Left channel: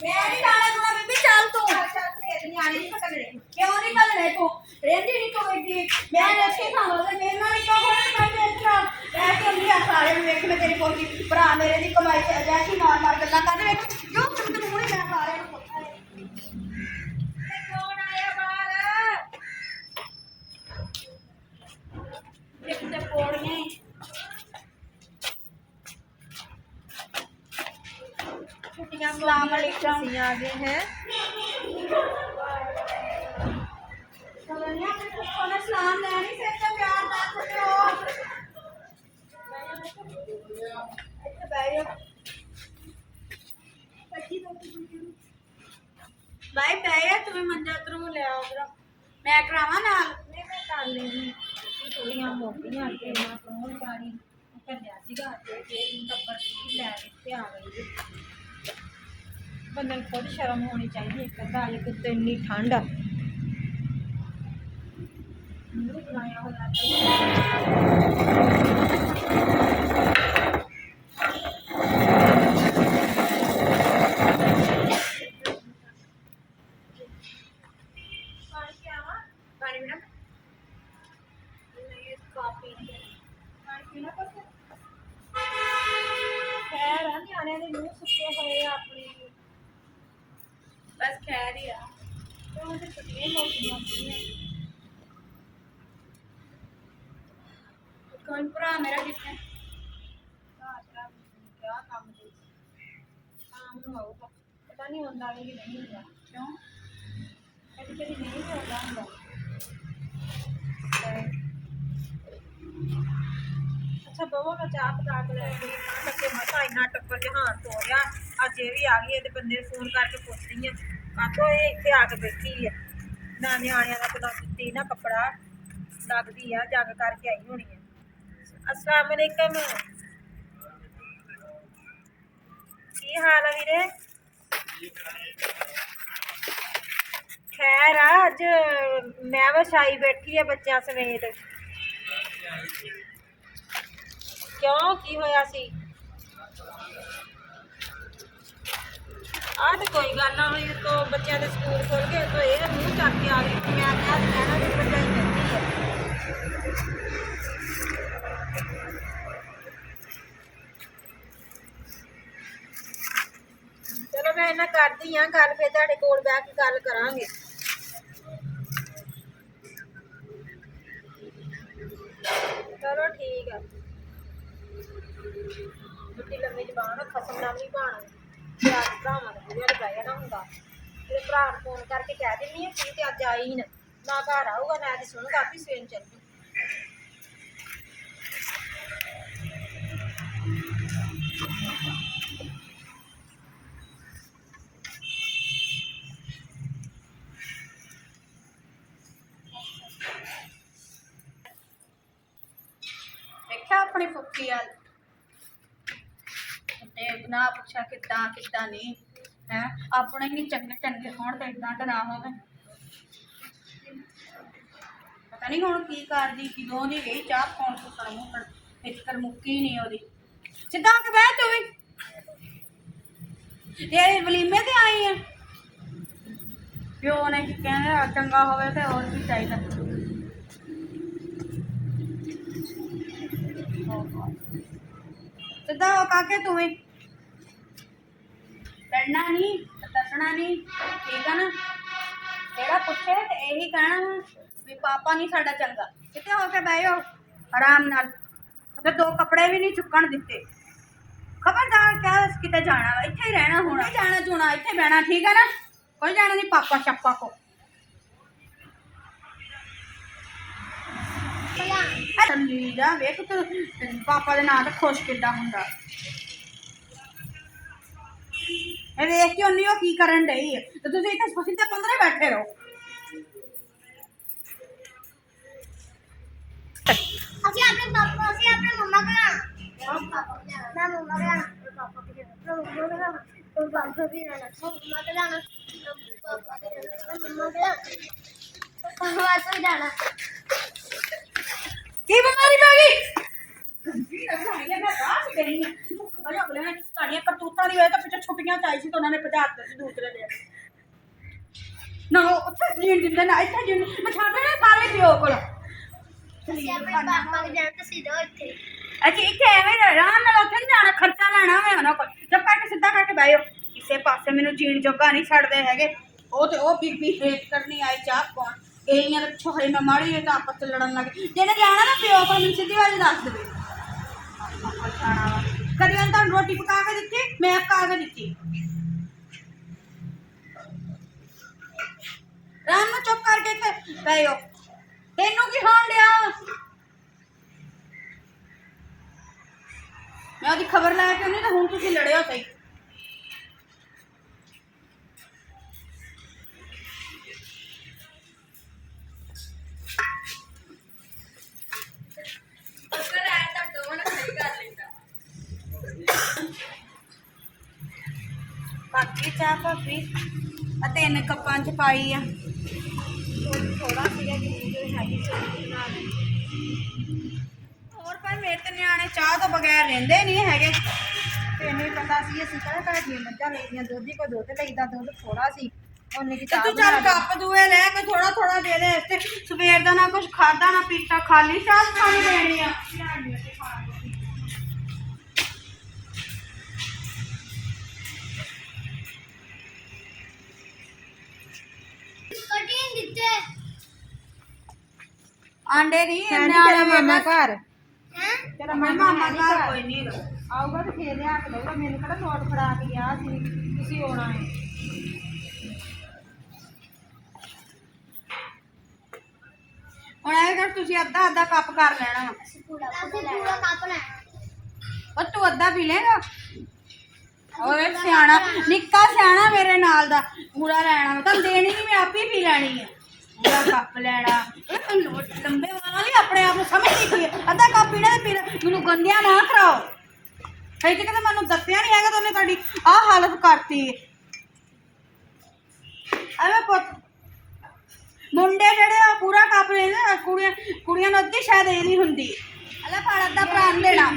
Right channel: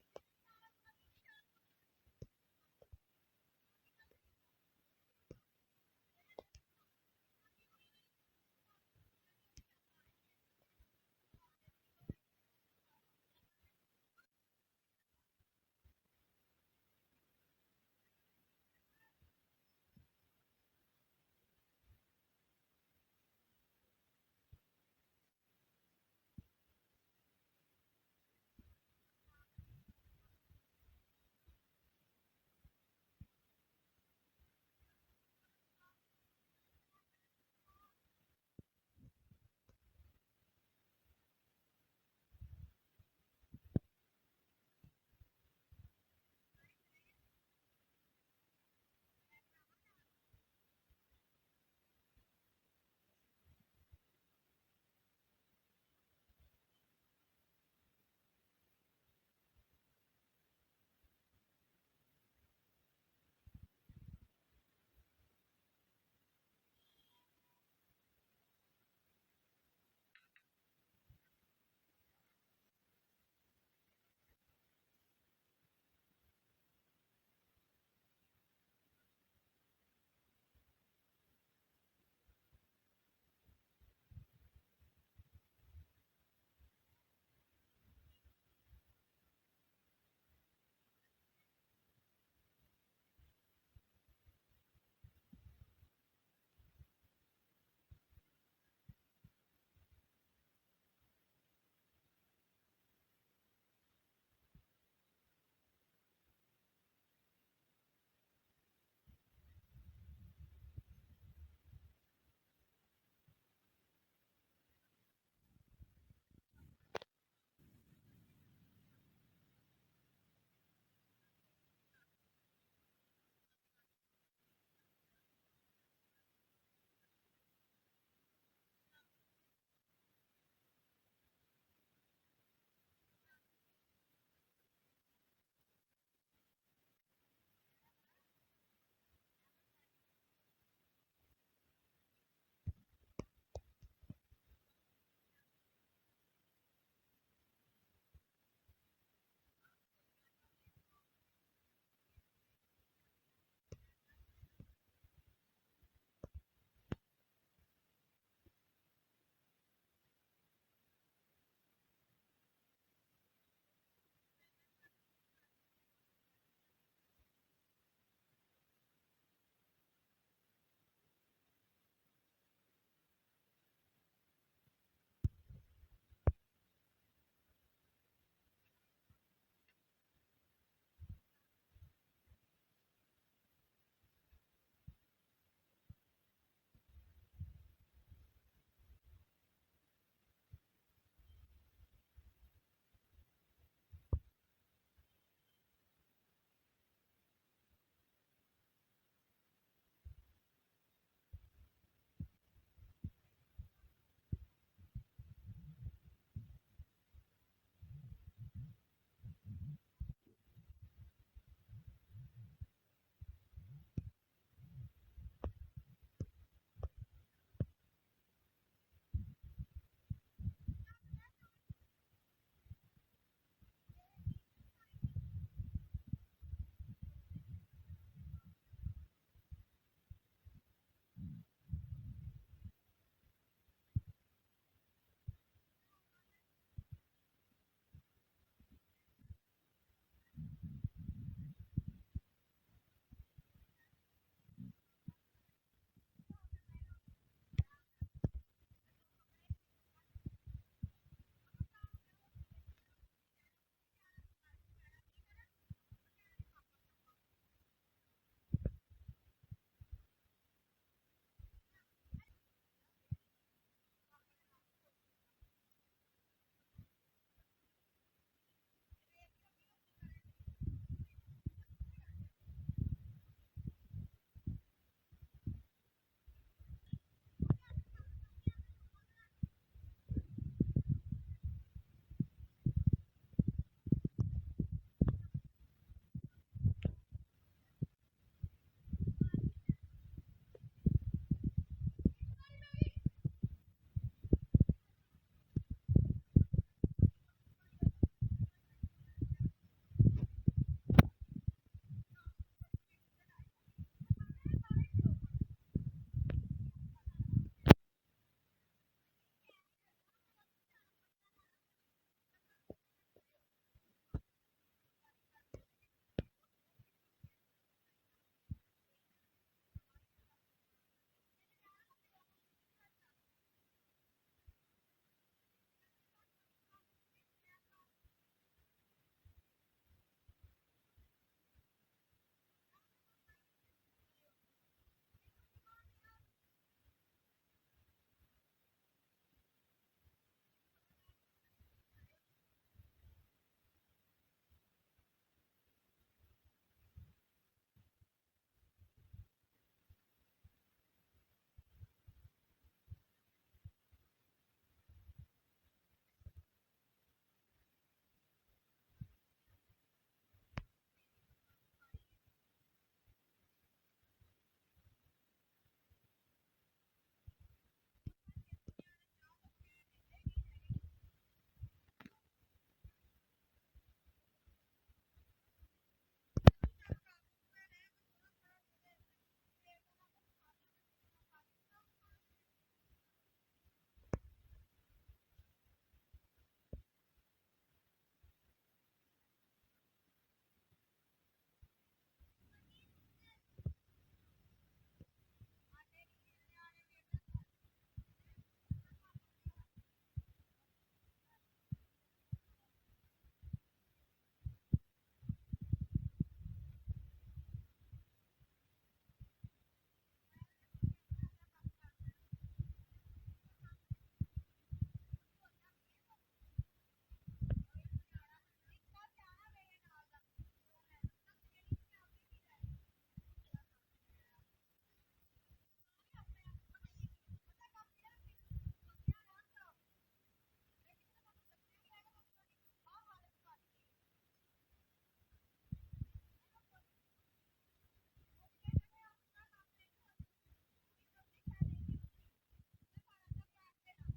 मैं नहीं जाना दूंगा बीबी चल तू नियाने नहीं पकड़ रहे क्यों नहीं कर रहे तू रेंदी नहीं तो बेटी मैं रखे खावांगा मेरे नाल तो होना मैं इतना ऐसे नहीं आ सारे देख मैं तेरी पोती भरा मेरे दी कमाई से जैसी मार मार गल्ला कर देख जो तुम मुंह में सारे को पता है कौन आया बाहर एक ते पोड़ियां अस्सलाम वालेकुम आ गए हैं। सलाम लेनी से तो प्यार ना करो भाई बैया तुम्हें मंजा उधरों ले आओ उधर मैं करावा नाल नहीं मैं कर लेगी थोड़ियां मोटियां के ना कौन गाड़ी करया सीगा ते टप्पर ले के आ गई बंदे को खुद शर्म होनी चाहिए एक अद्धा अजे कुत्ते इन्नी ठंड आ बनाया खैर न्याणे दे मुंह सुके होए अपने बस खैर ही आ तो उसे छुट्टियां मौसम कौन भरा मेरा कितने क्या काम काम होगा पता नहीं होता है कि नहीं होगा क्यों कभी कभी नहीं होता होगा अच्छा बवा का चाह पका के लेके बच्चे मसा इन्ना टप्पर जहान तो रहा अज ये भी आ गई है बंदे फोन करके पुछ रही है कातो ये इतने आके बैठी है ना न्याणिया का तो दित्ती ना कपड़ा लगती है जंग करके आई होनी है अस्सलाम वालेकुम की हाल है वीरे खैर अज मैवश आई बैठी है बच्चों समेत क्यों की होया सी आ तो कोई गल ना हुई तो बच्चों के स्कूल खुल गए तो ये मुँह चक के आ गई मैं कहना भी भरजाई बैठी है चलो मैं इन्ना करती हाँ गल फिर तुहाडे कोल बैठ के गल करांगे चलो ठीक है बुढ़ी लम्मी जबान खसम ना भी भाण प्यार भरावां का बुढ़िया बह जाना होंगे मेरे भरा फोन करके कह दिंदी है की अज आई ना घर आऊगा ना अज सुनगा भी सवेर चल जू देखा अपनी फुफी वाल ना पूछा कितना कितना नहीं है अपने ही चंगे चंगे होने तो इतना तो ना हो पता नहीं हूँ की कर दी किदों दी गई चाह पाउन सुकड़ मुकड़ एक कर मुक्की नहीं ओदी सीधा के बह तू भी तेरे वलीमे ते आई है प्यो ने कहने चंगा होवे ते और भी चाहिए सीधा हो काके तू भी लड़ना नहीं दसना नहीं ठीक है ना तेरा पुछे तो यही कहना भी पापा नहीं साडा चंगा कितने होके बहो आराम नाल तो दो कपड़े भी नहीं चुकन दिते खबरदार क्या किते जाना इत्थे ही रहना होना जाना चुना इत्थे बहना ठीक है ना कोई जाना नहीं पापा शप्पा को वेख तू पापा के नाम तो खुश किदा हुंदा वेख के उन्नी की करन डई है तो तुम इतने सीधे 15 बैठे रहो ਅਸੀਂ ਆਪਣੇ ਮੰਮਾ ਕੋਲ ਮੈਂ ਮੰਮਾ ਕੋਲ ਪਾਪਾ ਕੋਲ ਪਾਪਾ ਵੀ ਰਹਿਣਾ ਮੰਮਾ ਕੋਲ ਜਾਣਾ ਪਾਪਾ ਕੋਲ ਮੰਮਾ ਕੋਲ ਪਾਪਾ ਕੋਲ ਜਾਣਾ की बीमारी पै गई मैं राह से गई हां अरे अगले ने साड़ियां करतूतां दी वजह तो पिछे ਫਰੂਟੀਆਂ ਚਾਹੀ ਸੀ ਤਾਂ ਉਹਨਾਂ ਨੇ ਭਜਾ ਦਿੱਤੇ ਸੀ ਦੂਸਰੇ ਦੇ ਨਾ ਉੱਥੇ ਜੀਣ ਦਿੰਦੇ ਨਾ ਇੱਥੇ ਜੀਣ ਮੈਂ ਛੱਡ ਦੇਣਾ ਸਾਰੇ ਪਿਓ ਕੋਲ ਅਸੀਂ ਆਪਣੇ ਪਾਪਾ ਦੇ ਜਾਣ ਤੇ ਸਿੱਧਾ ਇੱਥੇ ਅੱਛਾ ਇੱਥੇ ਐਵੇਂ ਆਰਾਮ ਨਾਲ ਉੱਥੇ ਨਹੀਂ ਜਾਣਾ ਖਰਚਾ ਲੈਣਾ ਹੋਵੇ ਉਹਨਾਂ ਕੋਲ ਜਦ ਕਰਕੇ ਸਿੱਧਾ ਕਰਕੇ ਬਹਿਓ ਕਿਸੇ ਪਾਸੇ ਮੈਨੂੰ ਜੀਣ ਜੋਗਾ ਨਹੀਂ ਛੱਡਦੇ ਹੈਗੇ ਉਹ ਤੇ ਉਹ ਬੀਬੀ ਹੇਟ ਕਰਨੀ ਆਈ ਚਾਹ ਪਾਉਣ ਗਈਆਂ ਦੇ ਪਿੱਛੋਂ ਹਰੇ ਮੈਂ ਮਾੜੀ ਜਿਹੀ ਤਾਂ ਆਪਸ ਚ ਲੜਨ ਲੱਗ ਜਿਹਨੇ ਜਾਣਾ ਨਾ ਪਿਓ ਕੋਲ ਮੈਨੂੰ ਸਿੱਧੀ ਵਾਲੀ ਦੱਸ ਦੇਵੇ ਕਦੀ ਉਹਨਾਂ ਤੁਹਾਨੂੰ ਰੋਟੀ ਪਕਾ ਕੇ ਦਿੱਤੀ ਮੈਂ ਪਕਾ ਕੇ ਦਿੱਤੀ ਰਾਮ ਨੂੰ ਚੁੱਪ ਕਰਕੇ ਇੱਥੇ ਬਹਿਓ ਤੈਨੂੰ ਕੀ ਹੋਣ ਡਿਆ ਮੈਂ ਉਹਦੀ ਖਬਰ ਲੈ ਕੇ ਉਹਨੇ ਤਾਂ ਹੁਣ ਤੁਸੀਂ ਲੜਿਓ ਸਹੀ ਬਾਕੀ ਚਾਹ ਭਾਬੀ ਆ 3 ਕੱਪਾਂ ਚ ਪਾਈ ਆ ਥੋੜਾ ਸੀਗਾ ਕਿ ਜੋ ਹੈਗੀ ਸੀ ਨਾਲ ਹੋਰ ਪਰ ਮੇਰੇ ਤੇ ਨਿਆਣੇ ਚਾਹ ਤੋਂ ਬਗੈਰ ਰਹਿੰਦੇ ਨਹੀਂ ਹੈਗੇ ਤੈਨੂੰ ਹੀ ਪਤਾ ਸੀ ਅਸੀਂ ਕਿਹੜਾ ਘਰ ਦੀਆਂ ਮੱਝਾਂ ਲਈਆਂ ਦੁੱਧ ਹੀ ਕੋਈ ਦੁੱਧ ਲਈਦਾ ਦੁੱਧ ਥੋੜਾ ਸੀ ਉਹਨੇ ਕੀ ਤੇ ਚਾਹ ਤੂੰ ਚੱਲ ਕੱਪ ਦੂਏ ਲੈ ਕੇ ਥੋੜਾ ਥੋੜਾ ਦੇ ਦੇ ਤੇ ਸਵੇਰ ਦਾ ਨਾ ਕੁਝ ਖਾਦਾ ਨਾ ਪੀਤਾ ਖਾਲੀ ਚਾਹ ਖਾਣੀ ਦੇਣੀ ਆ ਕਟਿੰਗ ਦਿੱਤੇ ਆਂਡੇ ਦੀ ਤੇਰਾ ਮਾਮਾ ਘਰ ਹੈ ਤੇਰਾ ਮਾਮਾ ਮਾਮਾ ਘਰ ਕੋਈ ਨਹੀਂ ਆਊਗਾ ਤੇ ਫੇਰ ਲਿਆ ਕੇ ਦਊਗਾ ਮੈਨੂੰ ਕਿਹੜਾ ਨੋਟ ਫੜਾ ਕੇ ਗਿਆ ਸੀ ਤੁਸੀਂ ਆਉਣਾ ਹੈ ਹੁਣ ਇਹ ਕਰ ਤੁਸੀਂ ਅੱਧਾ ਅੱਧਾ ਕੱਪ ਕਰ ਲੈਣਾ ਵਾ। ਅਸੀਂ ਪੂਰਾ ਕੱਪ ਲੈਣਾ ਉਹ ਤੂੰ ਅੱਧਾ ਪੀ ਲੇਗਾ ਓਏ ਸਿਆਣਾ ਨਿੱਕਾ ਸਿਆਣਾ ਮੇਰੇ ਨਾਲ ਦਾ ਪੂਰਾ ਲੈਣਾ ਵਾ। ਤੁਹਾਨੂੰ ਦੇਣੀ ਨਹੀਂ ਮੈਂ ਆਪੇ ਹੀ ਪੀ ਲੈਣੀ ਆ ਪੂਰਾ ਕੱਪ ਲੈਣਾ ਲੰਬੇ ਵਾਲਾ ਨਹੀਂ ਆਪਣੇ ਆਪ ਨੂੰ ਸਮਝਦੀ ਪਈ ਆ। ਅੱਧਾ ਕੱਪ ਪੀਣਾ ਤੇ ਪੀ ਲੈ ਮੈਨੂੰ ਗੰਦਿਆ ਨਾ ਕਰਾਓ ਕਈ ਤੇ ਕਹਿੰਦੇ ਮੈਨੂੰ ਦੱਸਿਆ ਨਹੀਂ ਹੈਗਾ ਤਾਂ ਉਹਨੇ ਤੁਹਾਡੀ ਆਹ ਹਾਲਤ ਕਰਤੀ ਐਵੇਂ ਪੁੱਤ ਮੁੰਡੇ ਜਿਹੜੇ ਆ ਪੂਰਾ ਕੱਪ ਲੈਂਦੇ ਕੁੜੀਆਂ ਨੂੰ ਅੱਧੀ ਸ਼ਾਇਦ ਇਹ ਨਹੀਂ ਹੁੰਦੀ ਅਲਾ ਫੜ ਅੱਧਾ ਭਰਾ ਨੂੰ ਦੇਣਾ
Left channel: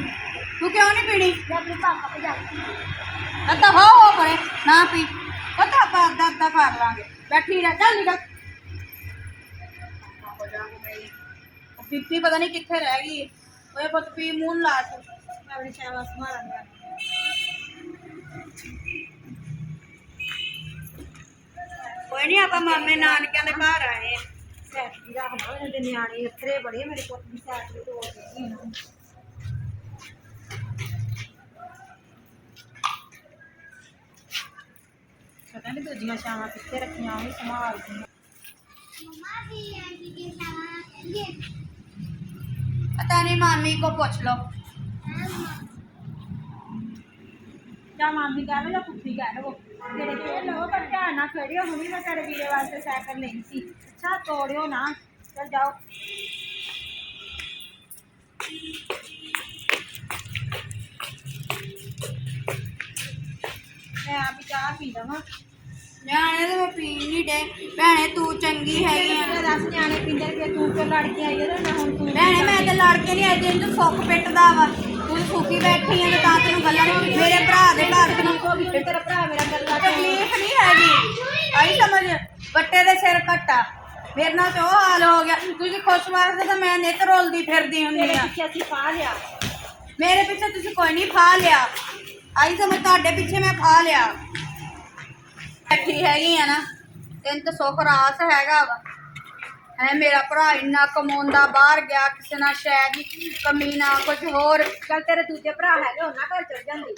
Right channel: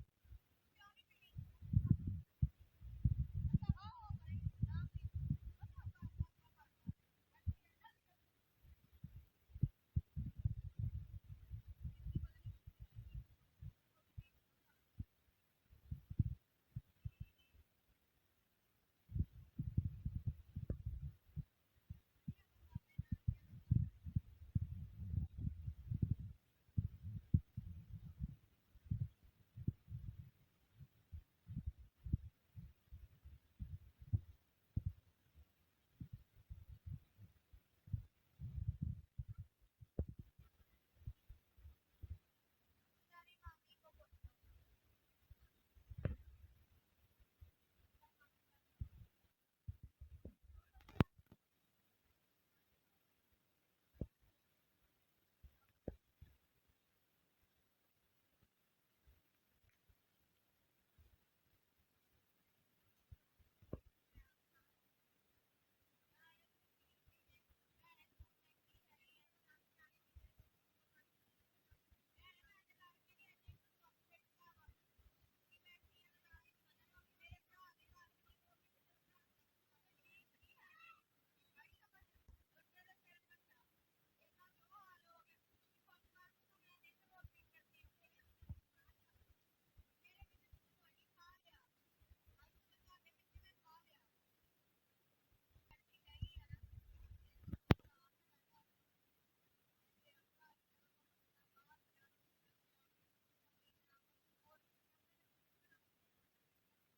ਤੂੰ ਕਿਉਂ ਨਹੀਂ ਪੀਣੀ ਮੈਂ ਆਪਣੇ ਪਾਪਾ ਤੇ ਜਾ ਅੱਧਾ ਹੋ ਪਰੇ ਨਾ ਪੀ ਪਤਾ ਆਪਾਂ ਅੱਧਾ ਅੱਧਾ ਕਰ ਲਾਂਗੇ ਬੈਠੀ ਰਹਿ ਚੱਲ ਨਿਕਲ ਪੀਪੀ ਪਤਾ ਨਹੀਂ ਕਿੱਥੇ ਰਹਿ ਗਈ ਓਏ ਪੁੱਤ ਪੀ ਮੂੰਹ ਲਾ ਤੂੰ ਮੈਂ ਆਪਣੀ ਸ਼ਾਬਾਸ਼ ਮਾਰਾਂਗਾ ਕੋਈ ਨਹੀਂ ਆਪਾਂ ਮਾਮੇ ਨਾਨਕਿਆਂ ਦੇ ਘਰ ਆਏ ਆ ਸੈਟ ਵੀ ਰੱਖਦਾ ਉਹਦੇ ਨਿਆਣੇ ਅੱਥਰੇ ਬੜੇ ਮੇਰੇ ਪੁੱਤ ਦੀ ਸੈਟ ਵੀ ਤੋੜ ਦਿੱਤੀ ਇਹਨਾਂ ਨੇ ਪਤਾ ਨਹੀਂ ਦੂਜੀਆਂ ਛਾਵਾਂ ਕਿੱਥੇ ਰੱਖੀਆਂ ਉਹ ਵੀ ਸੰਭਾਲਦੀਆਂ ਮਮਾ ਦੀ ਆਂਟੀ ਕੇ ਸਾਥ ये ਪਤਾ ਨਹੀਂ ਮਾਮੀ ਕੋ ਪੁੱਛ ਲਓ ਜਾਂ ਮਾਮੀ ਕਹਵੇ ਜਾਂ ਪੁੱਠੀ ਕਹਿ ਲਵੋ ਤੇਰੇ ਕੋਲ ਲਵੋ ਪਰ ਧਿਆਨ ਨਾਲ ਖੜਿਓ ਹੁਣੀ ਮੈਂ ਤੇਰੇ ਵੀਰੇ ਵਾਸਤੇ ਸਾਈਕਲ ਲਈ ਸੀ ਅੱਛਾ ਤੋੜਿਓ ਨਾ ਚਲ ਜਾਓ ਮੈਂ ਆਪ ਹੀ ਚਾਹ ਪੀ ਲਵਾਂ ਨਿਆਣੇ ਤੇ ਮੈਂ ਪੀਣ ਨਹੀਂ ਡੇ ਭੈਣੇ ਤੂੰ ਚੰਗੀ ਹੈਗੀ ਆ ਮੈਂ ਦੱਸ ਨਿਆਣੇ ਪੀਂਦੇ ਕਿ ਤੂੰ ਕਿਉਂ ਲੜ ਕੇ ਆਈ ਉਹਦੇ ਨਾਲ ਹੁਣ ਤੂੰ ਭੈਣੇ ਮੈਂ ਤੇ ਲੜ ਕੇ ਨਹੀਂ ਆਈ ਤੈਨੂੰ ਸੁੱਖ ਪਿੱਟਦਾ ਵਾ ਤੂੰ ਸੁੱਕੀ ਬੈਠੀ ਆ ਤੇ ਤਾਂ ਤੈਨੂੰ ਗੱਲਾਂ ਨਹੀਂ ਮੇਰੇ ਭਰਾ ਦੇ ਘਰ ਚ ਹੋ ਗਈ ਫਿਰ ਤੇਰਾ ਭਰਾ ਮੇਰਾ ਗੱਲਾਂ ਤਕਲੀਫ ਨਹੀਂ ਹੈਗੀ ਆਈ ਸਮਝ ਵੱਟੇ ਦੇ ਸਿਰ ਘੱਟਾ ਮੇਰੇ ਨਾਲ ਤੇ ਉਹ ਹਾਲ ਹੋ ਗਿਆ ਤੁਸੀਂ ਖੁਸ਼ ਵਾਸਤੇ ਤਾਂ ਮੈਂ ਨਿੱਤ ਰੋਲਦੀ ਫਿਰਦੀ ਹੁੰਦੀ ਤੇਰੇ ਆ ਪਿੱਛੇ ਅਸੀਂ ਪਾ ਲਿਆ ਮੇਰੇ ਪਿੱਛੇ ਤੁਸੀਂ ਕੋਈ ਨਹੀਂ ਫਾ ਲਿਆ ਆਈ ਸਮਝ ਤੁਹਾਡੇ ਪਿੱਛੇ ਮੈਂ ਫਾ ਲਿਆ ਬੈਠੀ ਹੈਗੀ ਆ ਨਾ ਤੈਨੂੰ ਤਾਂ ਸੁੱਖ ਰਾਸ ਹੈਗਾ ਵਾ ਹੈ ਮੇਰਾ ਭਰਾ ਇੰਨਾ ਕਮਾਉਂਦਾ ਬਾਹਰ ਗਿਆ ਕਿਸੇ ਨਾਲ ਸ਼ਾਇਦ ਹੀ ਕਮੀ ਨਾ ਕੁਝ ਹੋਰ ਚੱਲ ਤੇਰੇ ਦੂਜੇ ਭਰਾ ਹੈਗੇ ਉਹਨਾਂ ਘਰ ਚਲ ਜਾਂਦੀ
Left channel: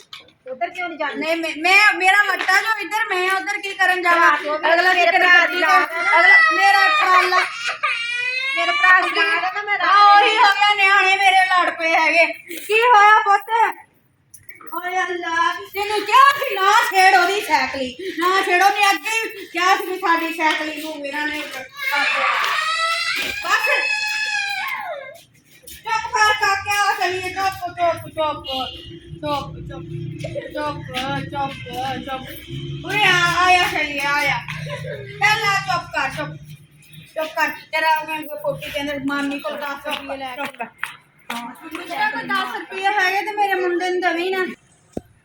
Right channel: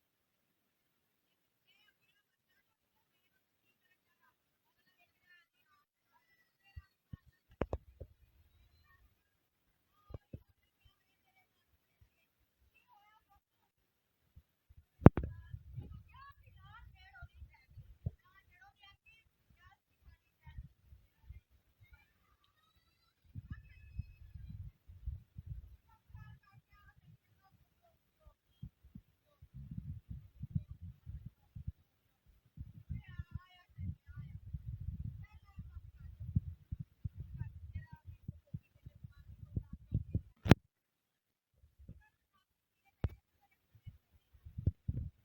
ਉਧਰ ਕਿਉਂ ਨਹੀਂ ਜਾਂਦੀ ਨਹੀਂ ਮੈਂ ਮੇਰਾ ਵੱਡਾ ਜੋ ਇੱਧਰ ਮੈਂ ਉਧਰ ਕੀ ਕਰਨ ਜਾਵਾਂ ਅਗਲਾ ਮੇਰੇ ਕਿਤੇ ਭਰਾ ਦੀ ਗੱਡੀ ਤੇ ਅਗਲਾ ਮੇਰਾ ਟਰਾਲਾ ਮੇਰੇ ਭਰਾ ਦੀ ਲਾਗ ਆ ਨਾ ਮੈਂ ਆ ਉਹੀ ਹੋ ਗਿਆ ਨਿਆਣੇ ਮੇਰੇ ਲੜ ਪਏ ਹੈਗੇ ਕੀ ਹੋਇਆ ਪੁੱਤ ਓਏ ਅੱਲਾ ਤੈਨੂੰ ਕਿਹਾ ਸੀ ਨਾ ਛੇੜ ਉਹਦੀ ਸਾਈਕਲੀ ਨਾ ਛੇੜੋ ਨਹੀਂ ਅੱਗੇ ਹੀ ਕਿਹਾ ਸੀ ਵੀ ਸਾਡੀ ਸਾਈਕਲੀ ਨੂੰ ਇਹਨਾਂ ਨੇ ਕਰ ਦਿਆ ਬਸ ਚੁੱਪ ਕਰ ਕਾਕਿਆ ਚਲੀਏ ਚੁੱਪ ਚੁੱਪ ਚੁੱਪ ਚੁੱਪ ਚੁੱਪ ਚੁੱਪ ਚੁੱਪ ਚੁੱਪ ਉਰੇ ਆਇਆ ਚਲੀਏ ਆਇਆ ਚੱਲ ਚੁੱਪ ਕਰ ਤੇਰਾ ਮੈਂ ਕੋਟੀ ਦੇ ਅੰਦਰ ਮਾਮੀ ਕੋਲ 10 ਰੁਪਏ ਲੈ ਚੁੱਪ ਕਰ ਮੁਸ਼ਰਾ ਕੋਈ 10 ਰੁਪਏ ਹੈਗੇ ਤੇ ਮੇਰੇ ਮੁੰਡੇ ਨੂੰ ਦਵੀ ਨਾ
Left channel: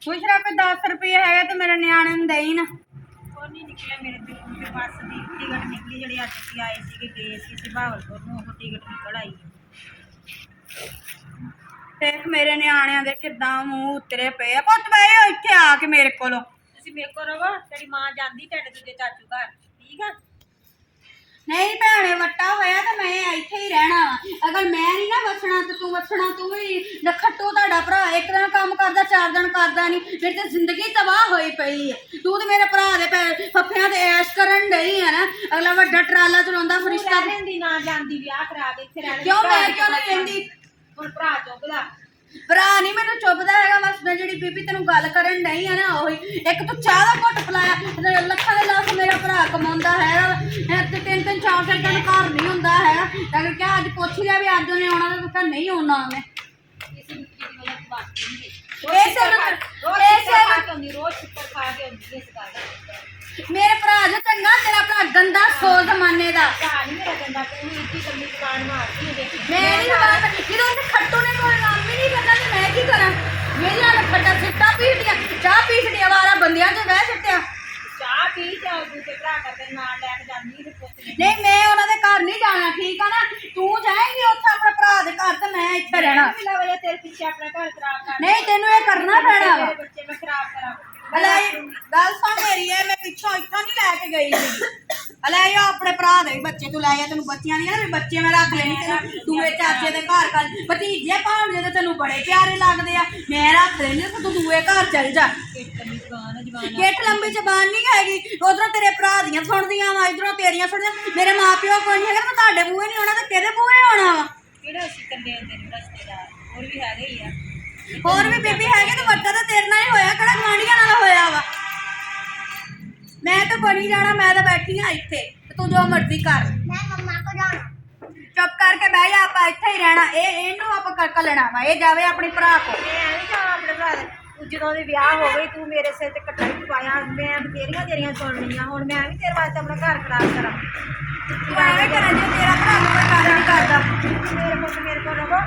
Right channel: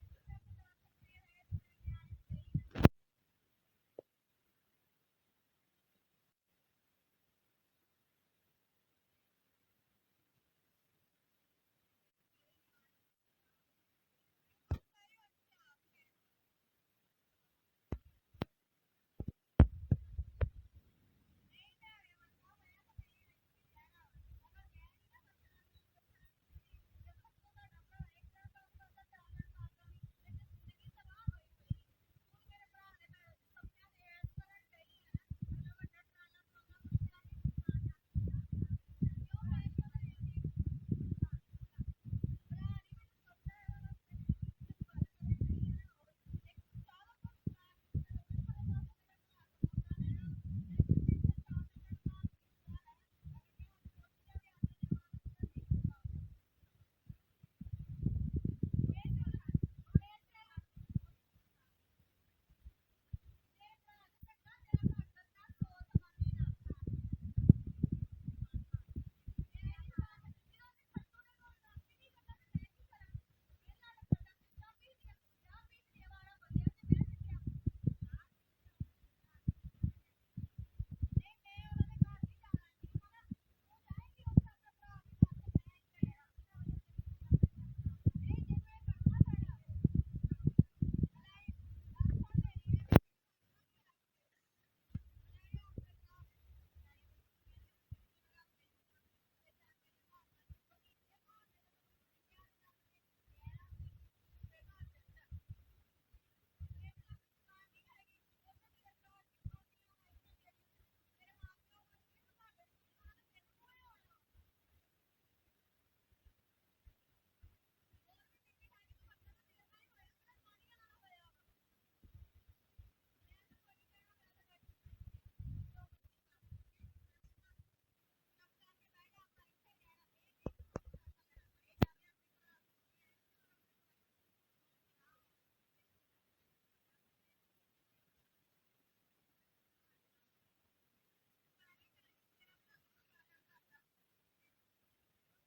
ਮੁਸ਼ਰਾ ਕੋਈ 10 ਰੁਪਏ ਹੈਗੇ ਤੇ ਮੇਰੇ ਨਿਆਣੇ ਨੂੰ ਦੇਈ ਨਾ। ਉਹ ਨਹੀਂ ਨਿਕਲਿਆ ਮੇਰੇ ਦਿਲ ਤੇ ਬੱਸ ਦੀ ਟਿਕਟ ਨਿਕਲੀ ਜਿਹੜੀ ਅੱਜ ਅਸੀਂ ਆਏ ਸੀਗੇ ਗਏ ਸੀ ਬਹਾਵਲਪੁਰ ਨੂੰ ਉਹ ਟਿਕਟ ਨਿਕਲ ਆਈ ਦੇਖ ਮੇਰੇ ਨਿਆਣਿਆਂ ਦੇ ਕਿੱਦਾਂ ਮੂੰਹ ਉਤਰੇ ਪਏ ਆ। ਪੁੱਤ ਬਈ ਇੱਥੇ ਆ ਕੇ ਮੇਰੇ ਕੋਲੋਂ। ਤੁਸੀਂ ਮੇਰੇ ਕੋਲ ਰਹੋ ਤੇਰੀ ਮਾਂ ਜਾਂਦੀ ਢਿੱਡ ਦੂਜੇ ਚਾਚੂ ਘਰ ਠੀਕ ਆ ਨਹੀਂ ਭੈਣੇ ਵੱਟਾ ਹੋਇਆ ਤਾਂ ਮੈਂ ਇੱਥੇ ਹੀ ਰਹਿਣਾ ਵਾ। ਅਗਰ ਮੈਂ ਨਹੀਂ ਨਾ ਵਸਣਾ ਤੇ ਤੂੰ ਵਸਣਾ। ਤੂੰ ਵੀ ਨਖੱਟੂ ਤੁਹਾਡਾ ਭਰਾ ਇੱਕ ਦਿਨ ਕੰਮ ਕਰਦਾ 4 ਦਿਨ ਕਰਦਾ ਨਹੀਂ। ਮੇਰੀ ਤਾਂ ਜ਼ਿੰਦਗੀ ਤਬਾਹ ਹੋਈ ਪਈ ਹੈ। ਤੂੰ ਤੇ ਮੇਰੇ ਭਰਾ ਦੇ ਫੱਫਿਆਂ ਤੇ ਐਸ਼ ਕਰਨ ਡਈ ਹੈ ਨਾ। ਅਗਲਾ ਵੱਡਾ ਟਰਾਲਾ ਚਲਾਉਂਦਾ ਫਰਿਸ਼ਤਾ ਰਹਿੰਦੀ ਨਾ ਜਾਂਦੀ ਵਿਆਹ ਕਰਾ ਕੇ ਇੱਥੇ ਰਹਿ ਕਿਉਂ ਮੈਂ ਕਿਉਂ ਨਹੀਂ ਰਹਿੰਦੀ। ਹੁਣ ਭਰਾ ਚੁੱਕਦਾ ਭਰਾ ਨਹੀਂ ਮੈਨੂੰ ਚੁੱਪਦਾ ਹੈਗਾ। ਬਸ ਮੈਂ ਜਿਹੜੀ ਬੀਬੀ ਤੈਨੂੰ ਗੱਲ ਕਰਨ ਡਈ ਆ ਨਾ ਉਹੀ ਇੱਕ ਤੂੰ ਚਾਹ ਦਾ ਘੁੱਟ ਪਿਲਾਇਆ ਲੱਖਾਂ ਦੇ ਲੱਖ ਮੇਰਾ ਭਰਾ ਕਮਾਉਂਦਾ ਹੈਗਾ ਤੇ 3-3 4 ਦਿਨ ਘਰ ਨਹੀਂ ਹੁੰਦਾ ਹੈਗਾ। ਤਾਂ ਕਿ ਅੱਜ ਪੁੱਛ ਲਿਆ ਵੀ ਅੱਜ ਉਹਨੇ ਆਉਣਾ ਤਾਂ ਤੂੰ ਨਹੀਂ ਆਉਣਾ ਉਹਨੇ। ਰੋਜ਼ ਛਿੱਤਰ ਖਾ ਕੇ ਆਉਂਦੀ ਇਸ ਗੱਲ ਦਾ ਮੇਰੇ ਭਰਾ ਜੋ ਚੰਗਾ ਤੇਰਾ ਭਰਾ ਗੰਦਾ ਸੋ ਜ਼ਮਾਨੇ ਦਾ। ਭਰਾ ਨਹੀਂ ਮੇਰਾ ਗੰਦਾ ਤੂੰ ਇੱਥੇ ਕੰਨੀ ਦੁਕਾਨ ਮਾਰਦੀ ਹੈ ਮੈਂ ਨਹੀਂ ਬਾਤ ਜਦੋਂ ਉਹਨੇ ਖੱਟੂ ਨੇ ਕੋਈ ਕੰਮ ਹੀ ਨਹੀਂ ਕਰਨਾ ਤੇ ਮੈਂ ਕੀ ਕਰਾਂ। ਮੇਰੀਆਂ ਖੱਟਾ ਸਿੱਟਾ ਪੀਟੀਆਂ ਚਾਹ ਪੀਟੀਆਂ ਵਾਰਾ ਬੰਦਿਆਂ ਤੇ ਬਹਿ ਸਿੱਟਿਆ। ਚਾਹ ਪੀ ਜਾ ਦੂਜੇ ਭਰਾ ਕਰਦੇ ਨਾਲ ਲੈ ਕੇ ਜਾਂਦੀ ਤੇ ਪੁੱਤ ਨੇ ਨਹੀਂ ਮੈਂ ਉਹਨਾਂ ਦੇ ਘਰ ਨਹੀਂ ਜਾਣਾ ਠੀਕ ਆ ਨਾ। ਤੂੰ ਜਾਏਂਗੀ ਉੱਥੇ ਆਪਣੇ ਭਰਾ ਦੇ ਘਰ ਤੇ ਮੈਂ ਇੱਥੇ ਰਹਿਣਾ। ਮਿਲਾ ਵਜਾ ਤੇਰੇ ਪਿੱਛੇ ਆਪਣਾ ਘਰ ਖਰਾਬ ਕਰ ਨਹੀਂ ਤੈਨੂੰ ਇਹ ਕਰਨਾ ਪੈਣਾ ਵਾ। ਮੇਰੇ ਬੱਚੇ ਮੈਂ ਖਰਾਬ ਕਰਾਂ ਅਲੇ ਗੱਲ ਸੁਣ ਮੇਰੀ ਇਹ ਮੈਂ ਪਿੱਛੋਂ ਇੱਥੋਂ ਨਹੀਂ ਲੈ ਕੇ ਗਈ ਸੀ। ਅਲੇ ਇਹ ਆਪਣੇ ਭਰਾ ਦੇ ਬੱਚੇ ਤੂੰ ਲੈ ਆ। ਤੈਨੂੰ ਬੱਚਿਆਂ ਦੀਆਂ ਨਾ ਵੀ ਬੱਚੇ ਮੈਂ ਰੱਖ ਲੈਣੀ ਤੈਨੂੰ ਦੂਏ ਚਾਚੇ ਦੇ ਘਰ ਕਰ ਭਤੀਜੇ ਭਾਣਜੇ ਤੇ ਤੈਨੂੰ ਬੜੇ ਪਿਆਰੇ ਲੱਗਦੇ ਆ। ਮੈਂ ਰੱਖ ਲੈਣੀ ਤੇ ਤੂੰ ਦੂਏ ਘਰ ਚੱਲ ਜਾ। ਕਿੱਟ ਲੰਬੀ ਜ਼ਬਾਨ ਨਹੀਂ ਹੈਗੀ। ਉਧਰੋਂ ਤੇਰੇ ਭਰਾ ਦੀਆਂ ਸੁਣਦੀਆਂ ਵਾ ਇਧਰੋਂ ਤੇਰੀਆਂ ਸੁਣਦੀਆਂ। ਮੇਰੇ ਮਾਂ ਪਿਓ ਕੋਈ ਨਹੀਂ ਹੈਗਾ ਮੈਂ ਤੁਹਾਡੇ ਬੂਹੇ ਨਹੀਂ ਆਉਣਾ ਤੇ ਕਿਹਦੇ ਬੂਹੇ ਆਉਣਾ ਵਾ। ਕਿਹੜਾ ਅਸੀਂ ਕੰਦੇ ਤੇਰੇ ਰਿਸ਼ਤੇਦਾਰ ਹੋਰ ਵੀ ਹੈਗੇ ਹੀ ਆ ਹੋਰ ਵੀ ਬੀਬੀ ਹੈਗੇ ਤੇ ਵੱਡਾ ਤਾਂ ਤੇਰੇ ਨਾਲ ਹੀ ਹੋਇਆ ਕਿਹੜਾ ਗਵਾਂਢੀਆਂ ਨਾਲ ਹੋਇਆ ਵਾ। ਮੈਂ ਤਾਂ ਬਣੀ ਜਾਣਾ ਮੈਂ ਤਾਂ ਬੈਠੀ ਆ ਇੱਥੇ ਤੇ ਤੂੰ ਜੋ ਮਰਜ਼ੀ ਕਰ। ਮੈਂ ਮੰਮਾ ਕੋ ਜਾਣਾ ਚੁੱਪ ਕਰਕੇ ਬਹਿ ਜਾ ਆਪਾਂ ਇੱਥੇ ਹੀ ਰਹਿਣਾ। ਇਹਨੂੰ ਆਪਾਂ ਕੱਲਣਾ ਵਾ ਇਹ ਜਾਵੇ ਆਪਣੇ ਭਰਾ ਕੋਲ। ਮੈਂ ਨਹੀਂ ਜਾਣਾ ਆਪਣੇ ਭਰਾ ਦੇ ਜਦੋਂ ਦੇ ਵਿਆਹ ਹੋ ਗਈ ਤੂੰ ਮੇਰੇ ਸਿਰ ਤੇ ਕੱਟਾ ਹੀ ਪਾਇਆ ਮੈਂ ਬਥੇਰੀਆਂ ਤੇਰੀਆਂ ਸੁਣਨੀਆਂ ਹੁਣ ਮੈਂ ਵੀ ਤੇਰੇ ਵਾਸਤੇ ਆਪਣਾ ਘਰ ਖਰਾਬ ਕਰਾਂ ਤੂੰ ਐਵੇਂ ਕਰਾਂ ਜੇ ਤੇਰਾ ਭਰਾ ਕੋਈ ਕੰਮ ਨਹੀਂ ਕਰਦਾ। ਮੇਰੇ ਕੋਲ ਰਹੋ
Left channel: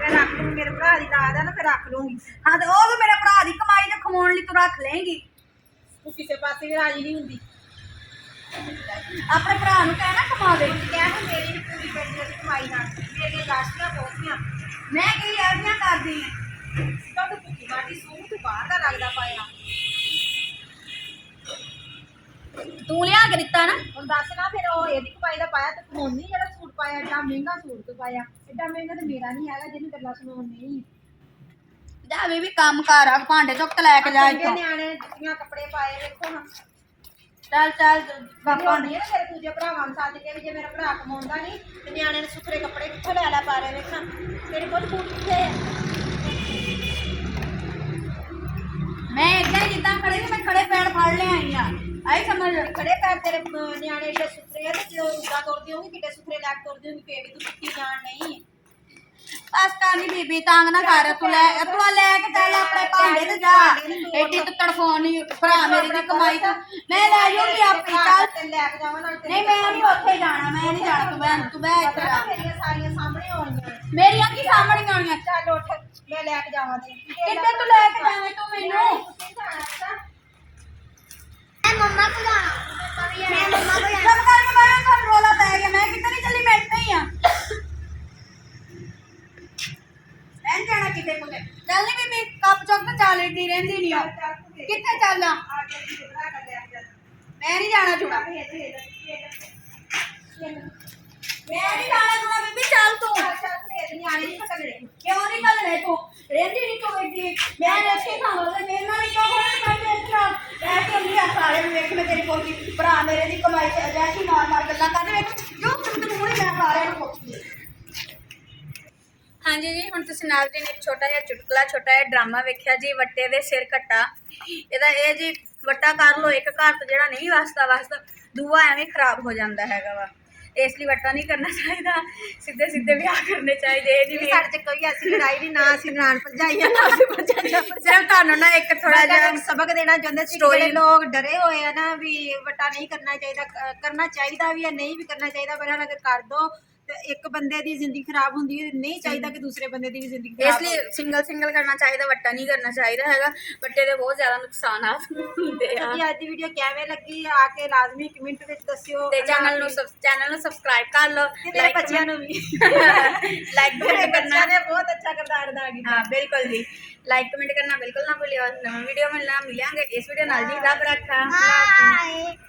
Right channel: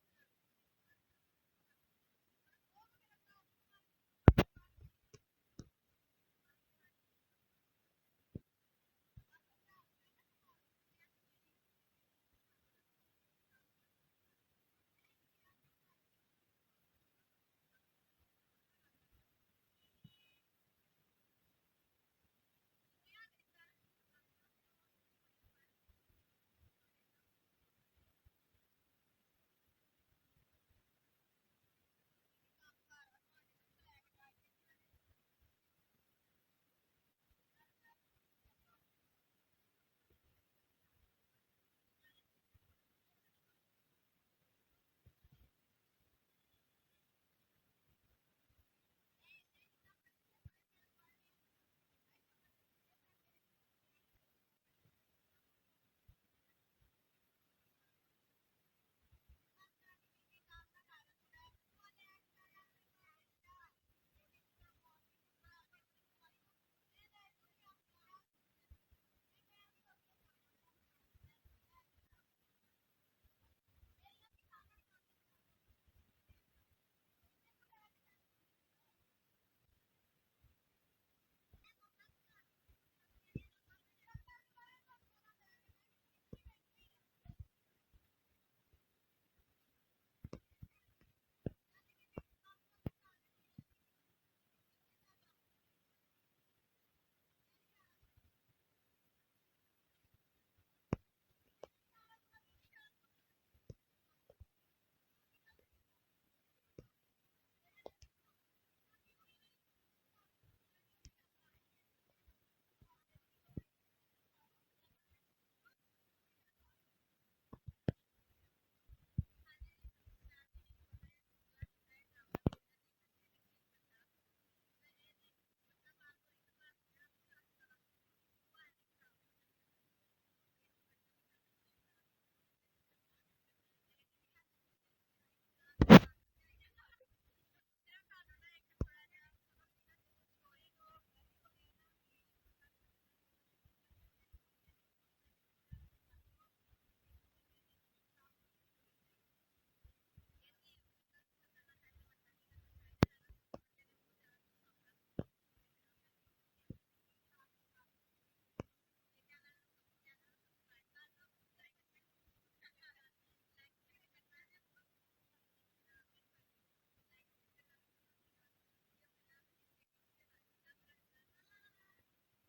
ਮੈਂ ਰੱਖ ਲੂੰ ਮੇਰੇ ਭਰਾ ਦੀ ਲਾਦ ਆ ਨਾ ਫਿਰ ਰੱਖ ਲੂੰਗੀ ਹਾਂ ਤੇ ਉਹ ਵੀ ਮੇਰੇ ਭਰਾ ਦੀ ਕਮਾਈ ਤੇ ਖਵਾਉਣ ਲਈ ਤੂੰ ਰੱਖ ਲਏਂਗੀ। ਤੂੰ ਕਿਸੇ ਪਾਸੇ ਵੀ ਰਾਜੀ ਨਹੀਂ ਹੁੰਦੀ ਆਪਣੇ ਭਰਾ ਨੂੰ ਕਹਿਣਾ ਕਮਾ ਦੇ। ਕਹਿ ਮੇਰੀ ਨੀ ਪੂਰੀ ਪੈਂਦੀ ਉਹਦੀ ਕਮਾਈ ਨਾਲ ਮੇਰੀਆਂ ਗਾਸ਼ੀਆਂ ਬਹੁਤੀਆਂ ਮੈਂ ਕੀ ਐਸੀਆਂ ਕਰਦੀ ਆ। ਤਾਂ ਤੂੰ ਭੁੱਖੀ ਮਾਟੀ ਸੂਹ ਤੂੰ ਬਾਹਰ ਦਾ ਲੱਗਦਾ ਪਾਇਆ ਤੂੰ ਲਿਆ ਕੇ ਦਿੱਤਾ ਨਾ। ਹੁਣ ਦੱਸ ਨਾ ਫਿਰ ਉਹ ਇਹਦੀ ਕਮਾਈ ਦਾ ਪਾਇਆ ਤੇ ਹੁਣ ਨਹੀਂ ਜਿਹੜਾ ਸੂਟ ਪਾਇਆ ਏਡਾ ਮਹਿੰਗਾ ਸੂਟ ਤੂੰ ਪਾਇਆ ਏਡਾ ਮਹਿੰਗਾ ਤੇ ਮੇਰਾ ਨਹੀਂ ਹੈਗਾ ਜਿਹਨੂੰ ਗੱਲਾਂ ਸੁਣਾਉਣ ਨਹੀਂ ਜਾ ਵੀ ਕੰਮ ਕਰ ਆ ਭਾਂਡੇ ਚੁੱਕ ਲੈ ਕੇ ਜਾ ਇੱਥੋਂ। ਨਿਆਣੇ ਜੁੱਤੀਆਂ ਕੱਪੜੇ ਪਾਏ ਵੇਖੋ ਹਾਂ ਚੱਲ ਚੱਲ ਪਾਪਾ ਨਹੀਂ ਨਾ ਤੇਰੇ ਦੂਜੇ ਭਰਾਵਾਂ ਨੂੰ ਸੱਦ ਕੇ ਵੀ ਜੇ ਮੇਰਾ ਭਰਾ ਕਮਾਉਂਦਾ ਨਹੀਂ ਤੇ ਨਿਆਣੇ ਨੇ ਸੁਥਰੇ ਕੱਪੜੇ ਕਿੱਥੋਂ ਲੈ ਪਾ ਰਹੇ ਵੇਖਾਂ ਤੇਰੇ ਕੋਲ ਬੂਟ ਕਿੱਥੇ ਆ ਮੈਂ ਏਦਾਂ ਹੀ ਜਿੱਦਾਂ ਖੜੇ ਸੀ ਮੈਂ ਖੜੇ ਪੈਰ ਫੜ ਲਿਆਈ ਆ। ਆਈ ਸਮਝ। ਖੜੇ ਪੈਰ ਤੇਰੇ ਨਿਆਣੇ ਏਡੇ ਸੁਥਰੇ ਆ ਤੇ ਜਦੋਂ ਉੱਦਾਂ ਤੁਰਦੇ ਹੋਗੇ ਕਿੱਡੇ ਸੁਥਰੇ ਲੈ ਕੇ ਤੁਰਦੇ ਹੋਗੇ ਫੇਰ ਵੀ ਤੂੰ ਸੁੱਤੀ ਜਾਣ ਨਹੀਂ ਬਸ ਕਾਨੀ ਬੀਬੀ ਤੰਗ ਨਾ ਕਰ। ਤੂੰ ਲੈ ਕੇ ਚੱਲ ਆਪਣੇ ਭਾਂਡੇ ਤੇ ਜਾ। ਏਡੀ ਤੂੰ ਤੜਫਾਉਣੀ ਭਰਾ ਮੇਰੀ ਦੀ ਕਮਾਈ ਤਾਂ ਮੈਂ ਲੈ ਜਾਊਂਗੀ ਆਪਣੀ। ਚੱਲ ਤੇ ਲੈ ਕੇ ਜਾਵਾਂ ਨਾਲ ਨਹੀਂ ਮੈਂ ਨਹੀਂ ਉੱਥੇ ਜਾਣਾ। ਮੈਂ ਨਹੀਂ ਜਾਣਾ। ਤੂੰ ਬਹਿ ਇੱਥੇ ਜਾ। ਮੇਰੀਆਂ ਸਾਰੀਆਂ ਸਾਹਮਣੇ ਆਉਣੀਆਂ ਮੇਰੀਆਂ ਕੀ ਸਾਹਮਣੇ ਆਉਣੀਆਂ। ਚੱਲ ਉੱਠ ਮੈਂ ਲੈ ਕੇ ਜਾਵਾਂ ਤੇ ਕਿੱਥੇ ਤੂੰ ਲੈ ਕੇ ਜਾਵੇਂ ਤੂੰ ਮੈਨੂੰ। ਮੈਂ ਮੰਮਾ ਕੋ ਜਾਣਾ ਮੈਂ ਮੰਮਾ ਕੋ ਜਾਣਾ ਚੱਲ ਕਰਕੇ ਮੈਂ ਤੁਹਾਨੂੰ ਰੋਲਾ ਪੈ ਗਿਆ। ਮੈਂ ਕਿੱਥੇ ਨਹੀਂ ਚੱਲੀ ਮੈਂ ਇੱਥੇ ਹੀ ਆ। ਮੈਂ ਜਾਣਾ ਕਿਤੇ ਕੋਲੇ। ਚੱਲ ਨੀ ਬੀਬੀ ਕੱਪ ਚੁੱਕ ਕੇ ਚੱਲ ਏਡੀ ਰਹਿੰਦੀ ਨਹੀਂ ਆ। ਕਿੱਥੇ ਚੱਲਾਂ ਮੈਂ ਨਹੀਂ ਜਾਣਾ ਚੁਣਾ। ਮੈਂ ਨਹੀਂ ਜਾਣਾ ਚੁਣਾ ਬੀਬੀ ਚੱਲ ਤੂੰ। ਨਿਆਣੇ ਨਹੀਂ ਪਤਾ ਮੇਰੇ ਕਿਉਂ ਨਹੀਂ ਕੱਲਣੇ ਤੂੰ ਰਹਿੰਦੀ ਨਹੀਂ ਤੂੰ ਏਡੀ। ਮੈਂ ਇੱਥੇ ਖਾਵਾਂਗਾ ਮੇਰੇ ਨਾਲ ਹੀ ਕਿਉਂ ਹੋਣਾ। ਮੈਂ ਇਸ ਤਰ੍ਹਾਂ ਰਹਿ ਕੇ ਹੁੰਦੀ ਆ ਸਾਰੇ ਨੂੰ ਵੇਖ ਮੈਂ ਤੇਰੀ ਕੋਲ ਭਰਾ ਮੇਰੇ ਦੀ ਕਮਾਈ ਤੇ ਅਜੈਸੀ ਮਾਰ ਗੱਲਾਂ ਕਰਦੇ ਵੇਖ ਜੋ ਤੂੰ ਮੂਹਰੇ ਮੈਂ ਸਾਰਿਆਂ ਨੂੰ ਪੁੱਛਦੀ। ਹਾਂਜੀ ਜੀ ਹੁਣ ਤੁਸੀਂ ਨਾਲ ਦੀ ਨੇ ਇੱਕ ਛੋਟਾ ਜਿਹਾ ਚੁਟਕਲਾ ਛੋਟਾ ਜਿਹਾ ਡਰਾਮਾ ਵੇਖਿਆ ਜੀ ਵੱਟੇ ਦੇ ਸਿਰ ਕੱਟਾ। ਇਹਦਾ ਇਹ ਜੀ ਵੱਟਾ ਕਰ ਲੋ ਇੱਕ ਘਰ ਤੋਂ ਜਿਹੜਾ ਨਹੀਂ ਵਸਦਾ ਦੂਆ ਐਵੇਂ ਖਰਾਬ ਹੋ ਜਾਂਦਾ ਹੈਗਾ ਵਾ। ਇਸ ਲਈ ਵੱਟਾ ਨਹੀਂ ਕਰਨਾ ਚਾਹੀਦਾ। ਸਿੱਧੇ ਵਿਆਹ ਕਰਨੇ ਚਾਹੀਦੇ। ਇਹ ਨਹੀਂ ਸਾਡੇ ਚ ਕੋਈ ਐਸੀ ਲੜਾਈ ਨਹੀਂ ਨਾ ਅਸੀਂ ਨਨਾਣ ਭਰਜਾਈਆਂ ਨਾ ਅਸੀਂ ਭਰਜਾਈਆਂ ਸਿਰਫ ਤੁਹਾਨੂੰ ਨਾ ਇੱਕ ਥੋੜਾ ਜਿਹਾ ਸਬਕ ਦੇਣਾ ਚਾਹੁੰਦੇ ਸੀ। ਜਿਹੜੇ ਲੋਕ ਡਰੇ ਹੋਏ ਆ ਨਾ ਵੀ ਵੱਟਾ ਨਹੀਂ ਕਰਨਾ ਚਾਹੀਦਾ ਕਰਨਾ ਚਾਹੀਦਾ ਵੀ ਹੈ ਨਹੀਂ ਵੀ ਕਰਨਾ ਚਾਹੀਦਾ ਪਰ ਅਗਰ ਕਰ ਦੋ ਤੇ ਇੱਕ ਬੰਦੇ ਦੀ ਜ਼ਿੰਦਗੀ ਖਰਾਬ ਹੁੰਦੀ ਹੈ, ਨਹੀਂ ਚਾਹੀਦਾ ਕਿ ਦੂਸਰੇ ਬੰਦੇ ਦੀ ਵੀ ਜ਼ਿੰਦਗੀ ਇਸ ਖਰਾਬ ਲਈ ਸਿੰਗਲ ਕਰਨਾ ਚਾਹੀਦਾ, ਵੱਟਾ ਨਹੀਂ ਕਰਨਾ ਚਾਹੀਦਾ ਹੈਗਾ। ਵੱਟੇ ਦੇ ਬਹੁਤ ਜ਼ਿਆਦਾ ਨੁਕਸਾਨਾਤ ਹੁੰਦੇ ਆ। ਹੋਵੇ। ਅੱਜ ਦੀ ਵੀਡੀਓ ਕਿਵੇਂ ਲੱਗੀ ਆ ਕੇ ਲਾਜ਼ਮੀ ਕਮੈਂਟ ਵਿੱਚ ਦੱਸਿਓ ਤੇ ਚੈਨਲ ਨੂੰ ਸਬਸਕ੍ਰਾਈਬ ਕਰ ਲਓ, ਮੇਰੇ ਬੱਚਿਆਂ ਨੂੰ ਵੀ ਲਾਈਕ ਮੇਰੇ ਕਮੈਂਟ ਕਰਨਾ। ਬੱਚਿਆਂ ਨੇ ਬਹੁਤ ਅੱਛਾ ਕਿਰਦਾਰ ਅਦਾ ਕੀਤਾ। हाँ बिल्कुल जी, लाइक कमेंट करना बिल्कुल ना भूलिए। और नवा वीडियो मिलना मिलेंगे इस वीडियो नाल जी। रब रखा। Bye.